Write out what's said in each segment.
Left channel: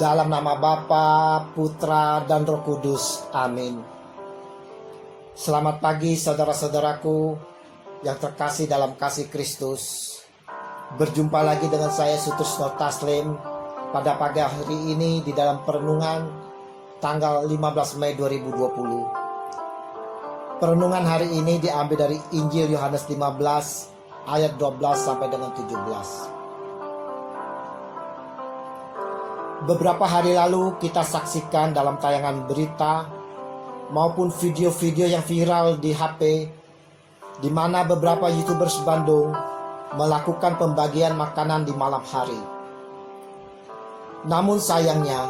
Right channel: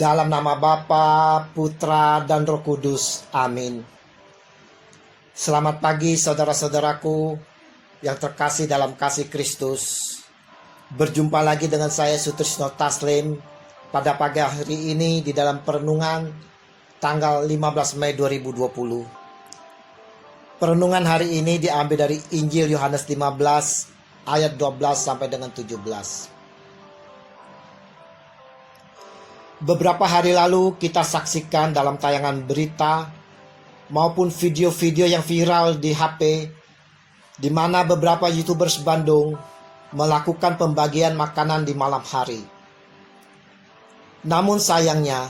Dalam nama Bapa, Putra, dan Roh Kudus. Amin. Selamat pagi saudara-saudaraku yang terkasih dalam kasih Kristus. Berjumpa lagi dengan saya Sutrisno Taslim pada pagi hari ini di dalam perenungan tanggal 15 Mei 2020. Perenungan hari ini diambil dari Injil Yohanes 15 ayat 12 sampai dengan 17. Beberapa hari lalu kita saksikan dalam tayangan berita maupun video-video yang viral di HP di mana beberapa YouTubers Bandung melakukan pembagian makanan di malam hari. Namun sayangnya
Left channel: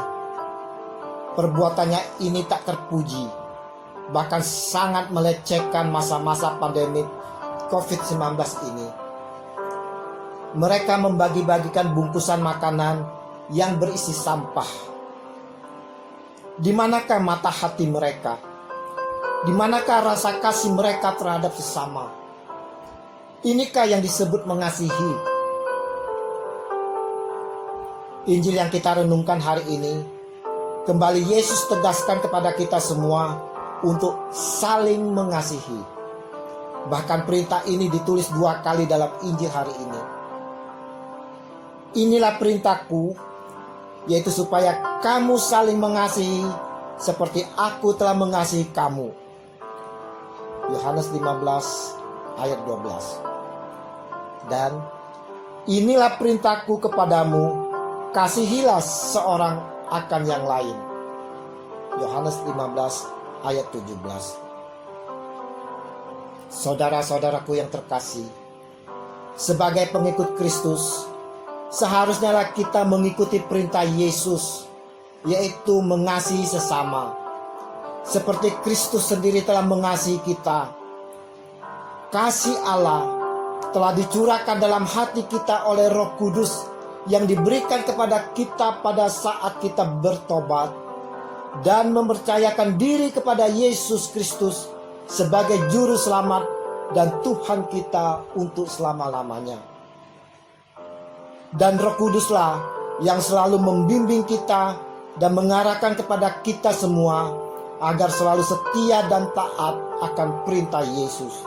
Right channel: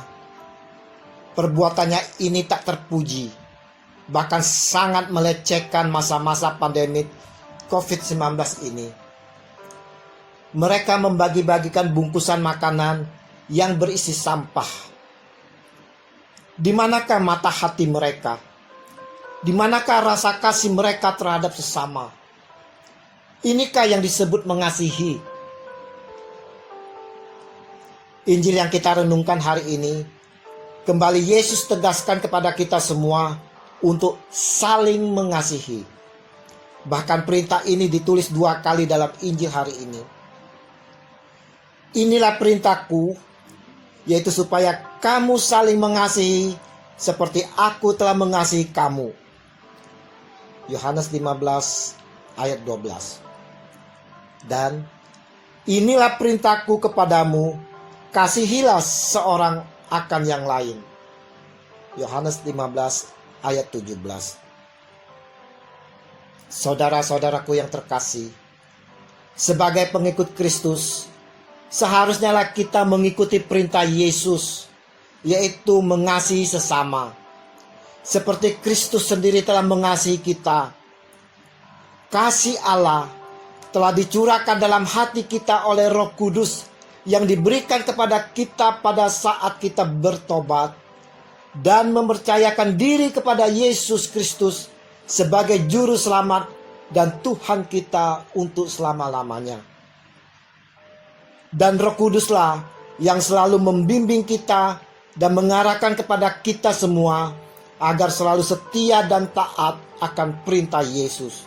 perbuatannya ini tak terpuji, bahkan sangat melecehkan masa-masa pandemi COVID-19 ini. Mereka membagi-bagikan bungkusan makanan yang berisi sampah. Di manakah mata hati mereka? Di manakah rasa kasih mereka terhadap sesama? Inikah yang disebut mengasihi? Injil yang kita renungkan hari ini, kembali Yesus tegaskan kepada kita semua untuk saling mengasihi. Bahkan perintah ini ditulis 2 kali dalam Injil hari ini. Inilah perintahku, yaitu supaya kamu saling mengasihi seperti aku telah mengasihi kamu. Yohanes 15 ayat 12. Dan inilah perintahku kepadamu, kasihilah seorang akan yang lain. Yohanes 15 ayat 17. Saudara-saudaraku yang terkasih, sebagai pengikut Kristus, seharusnya kita mengikuti perintah Yesus, yaitu mengasihi sesama. Seperti Kristus sendiri telah mengasihi kita. Kasih Allah telah dicurahkan dalam hati kita oleh Roh Kudus yang diberikan kepada kita pada saat kita bertobat dan mempercayakan diri kepada Yesus Kristus sebagai juru selamat dan Tuhan kita untuk selama-lamanya. Dan Roh Kuduslah yang selalu membimbing kita dan mengarahkan kepada kita semua agar selalu setia dan taat akan perintah Yesus.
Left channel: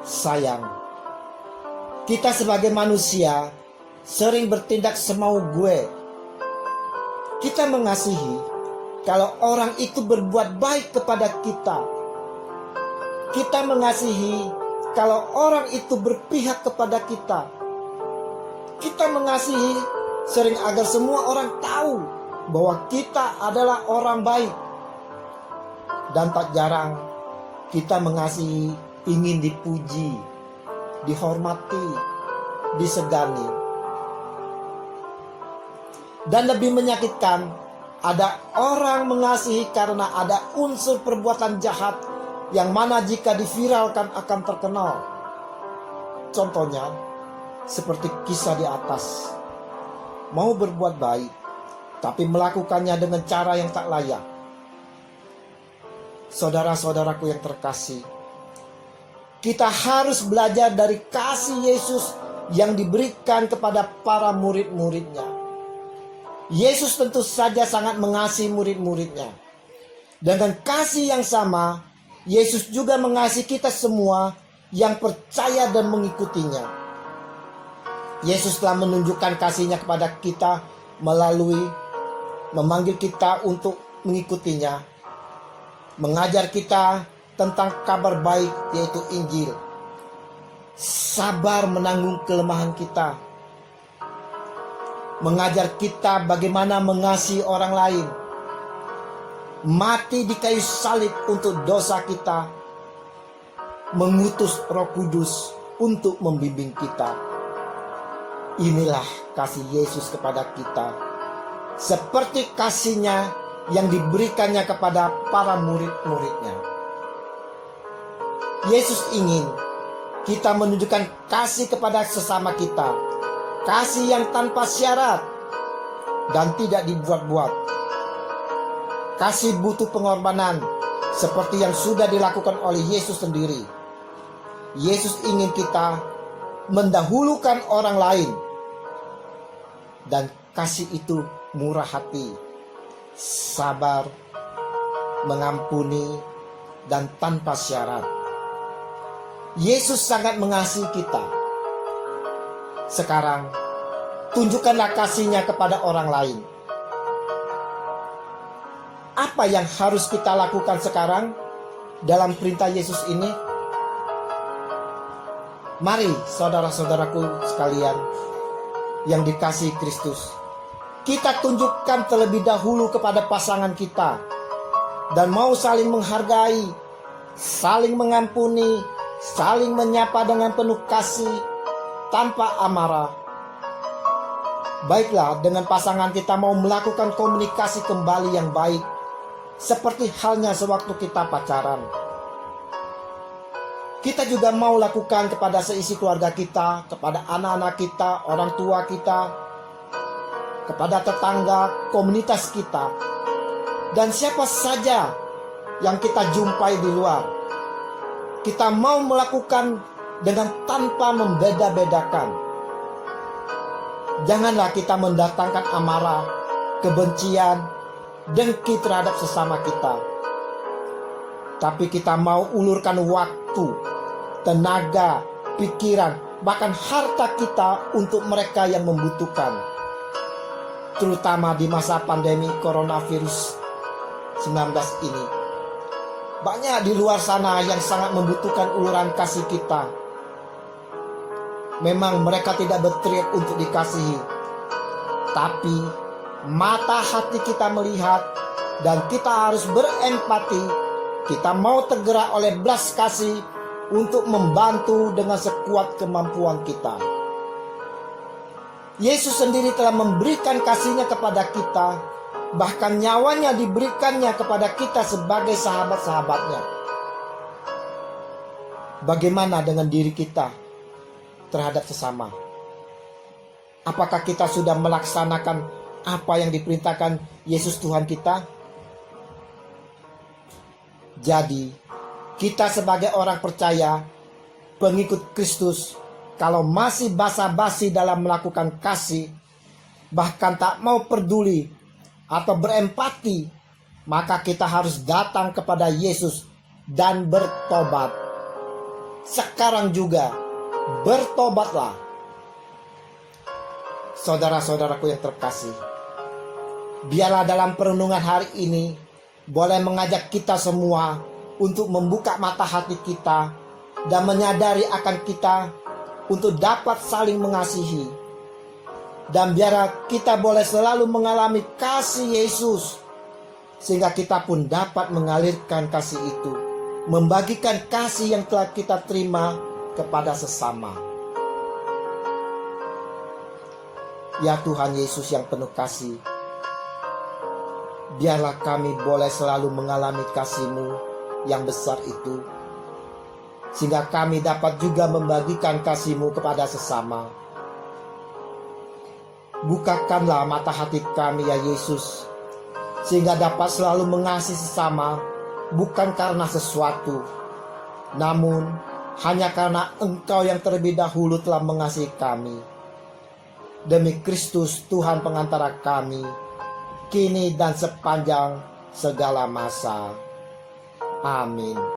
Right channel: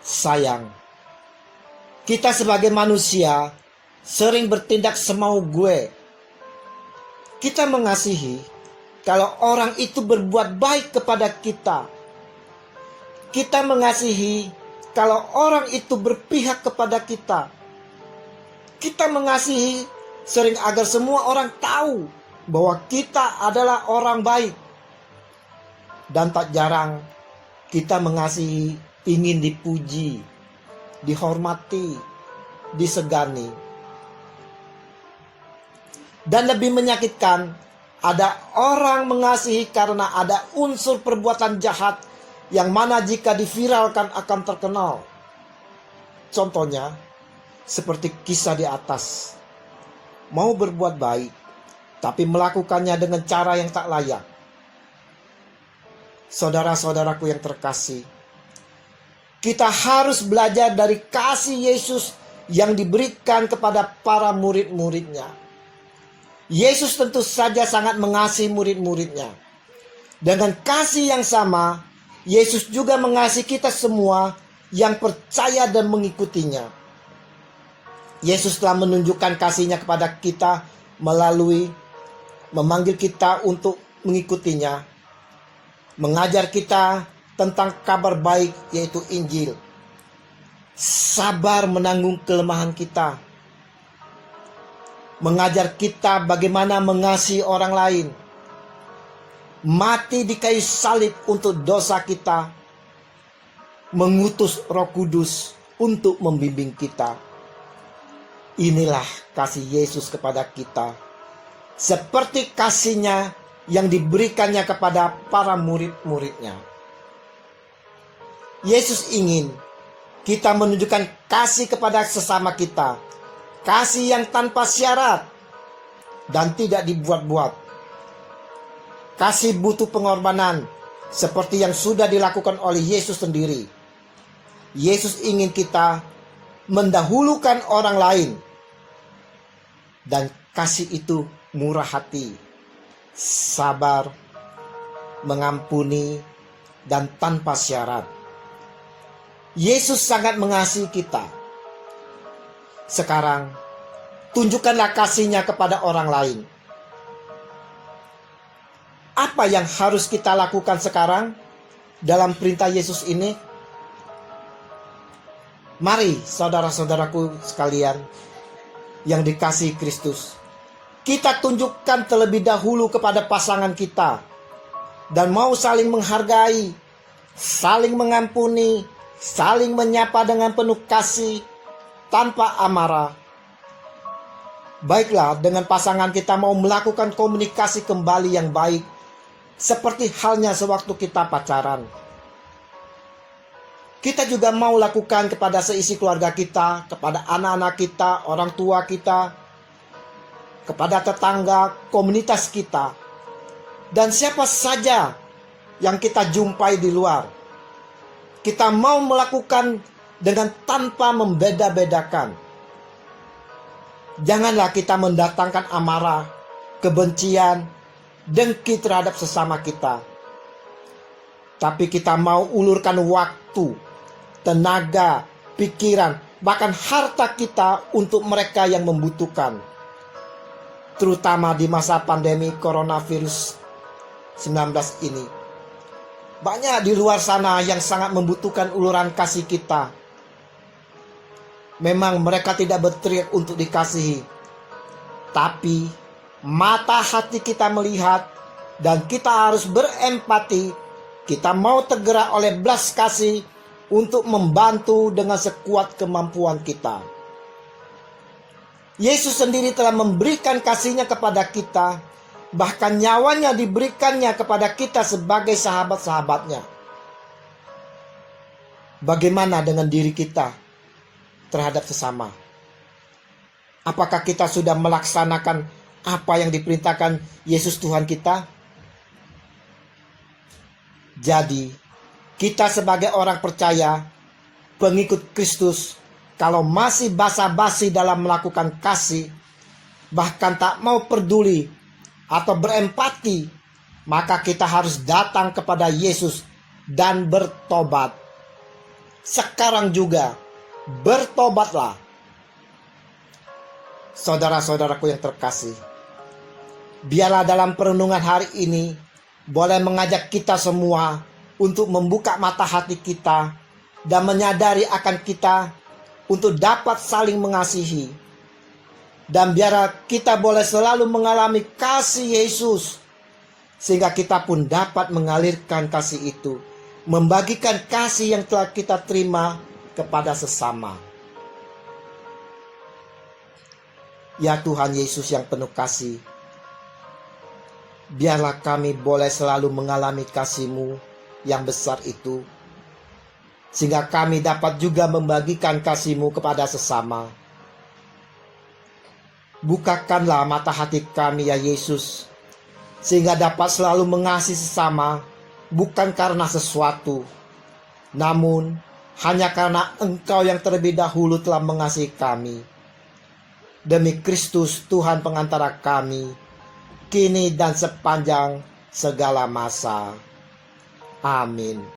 Sayang, kita sebagai manusia sering bertindak semau gue. Kita mengasihi kalau orang itu berbuat baik kepada kita. Kita mengasihi kalau orang itu berpihak kepada kita. Kita mengasihi sering agar semua orang tahu bahwa kita adalah orang baik. Dan tak jarang kita mengasihi ingin dipuji, dihormati, disegani. Dan lebih menyakitkan, ada orang mengasihi karena ada unsur perbuatan jahat yang mana jika diviralkan akan terkenal. Contohnya, seperti kisah di atas. Mau berbuat baik, tapi melakukannya dengan cara yang tak layak. Saudara-saudaraku yang terkasih, kita harus belajar dari kasih Yesus yang diberikan kepada para murid-muridnya. Yesus tentu saja sangat mengasihi murid-muridnya. Dengan kasih yang sama, Yesus juga mengasihi kita semua yang percaya dan mengikutinya. Yesus telah menunjukkan kasihnya kepada kita melalui memanggil kita untuk mengikutinya, mengajar kita tentang kabar baik yaitu Injil, sabar menanggung kelemahan kita, mengajar kita bagaimana mengasihi orang lain, mati di kayu salib untuk dosa kita, mengutus Roh Kudus untuk membimbing kita. Inilah kasih Yesus kepada kita, seperti kasihnya yang diberikannya kepada para murid-muridnya. Yesus ingin kita menunjukkan kasih kepada sesama kita, kasih yang tanpa syarat dan tidak dibuat-buat. Kasih butuh pengorbanan seperti yang sudah dilakukan oleh Yesus sendiri. Yesus ingin kita mendahulukan orang lain. Dan kasih itu murah hati, sabar, mengampuni, dan tanpa syarat. Yesus sangat mengasihi kita. Sekarang, tunjukkanlah kasih-Nya kepada orang lain. Apa yang harus kita lakukan sekarang dalam perintah Yesus ini? Mari saudara-saudaraku sekalian yang dikasihi Kristus, kita tunjukkan terlebih dahulu kepada pasangan kita dan mau saling menghargai, saling mengampuni, saling menyapa dengan penuh kasih tanpa amarah. Baiklah, dengan pasangan kita mau melakukan komunikasi kembali yang baik, seperti halnya sewaktu kita pacaran. Kita juga mau lakukan kepada seisi keluarga kita, kepada anak-anak kita, orang tua kita, kepada tetangga, komunitas kita, dan siapa saja yang kita jumpai di luar. Kita mau melakukan dengan tanpa membeda-bedakan. Janganlah kita mendatangkan amarah, kebencian, dengki terhadap sesama kita. Tapi kita mau ulurkan waktu, tenaga, pikiran, bahkan harta kita untuk mereka yang membutuhkan. Terutama di masa pandemi coronavirus 19 ini. Banyak di luar sana yang sangat membutuhkan uluran kasih kita. Memang mereka tidak berteriak untuk dikasihi, tapi mata hati kita melihat dan kita harus berempati. Kita mau tergerak oleh belas kasih untuk membantu dengan sekuat kemampuan kita. Yesus sendiri telah memberikan kasih-Nya kepada kita, bahkan nyawanya diberikannya kepada kita sebagai sahabat-sahabatnya. Bagaimana dengan diri kita terhadap sesama? Apakah kita sudah melaksanakan apa yang diperintahkan Yesus Tuhan kita? Jadi, kita sebagai orang percaya, pengikut Kristus, kalau masih basa-basi dalam melakukan kasih, bahkan tak mau peduli atau berempati, maka kita harus datang kepada Yesus dan bertobat. Sekarang juga, bertobatlah. Saudara-saudaraku yang terkasih, biarlah dalam perenungan hari ini boleh mengajak kita semua untuk membuka mata hati kita dan menyadari akan kita untuk dapat saling mengasihi. Dan biarlah kita boleh selalu mengalami kasih Yesus, sehingga kita pun dapat mengalirkan kasih itu, membagikan kasih yang telah kita terima kepada sesama. Ya Tuhan Yesus yang penuh kasih, biarlah kami boleh selalu mengalami kasih-Mu yang besar itu, sehingga kami dapat juga membagikan kasih-Mu kepada sesama. Bukakanlah mata hati kami ya Yesus, sehingga dapat selalu mengasihi sesama, bukan karena sesuatu, namun hanya karena Engkau yang terlebih dahulu telah mengasihi kami. Demi Kristus Tuhan pengantara kami, kini dan sepanjang segala masa. Amin.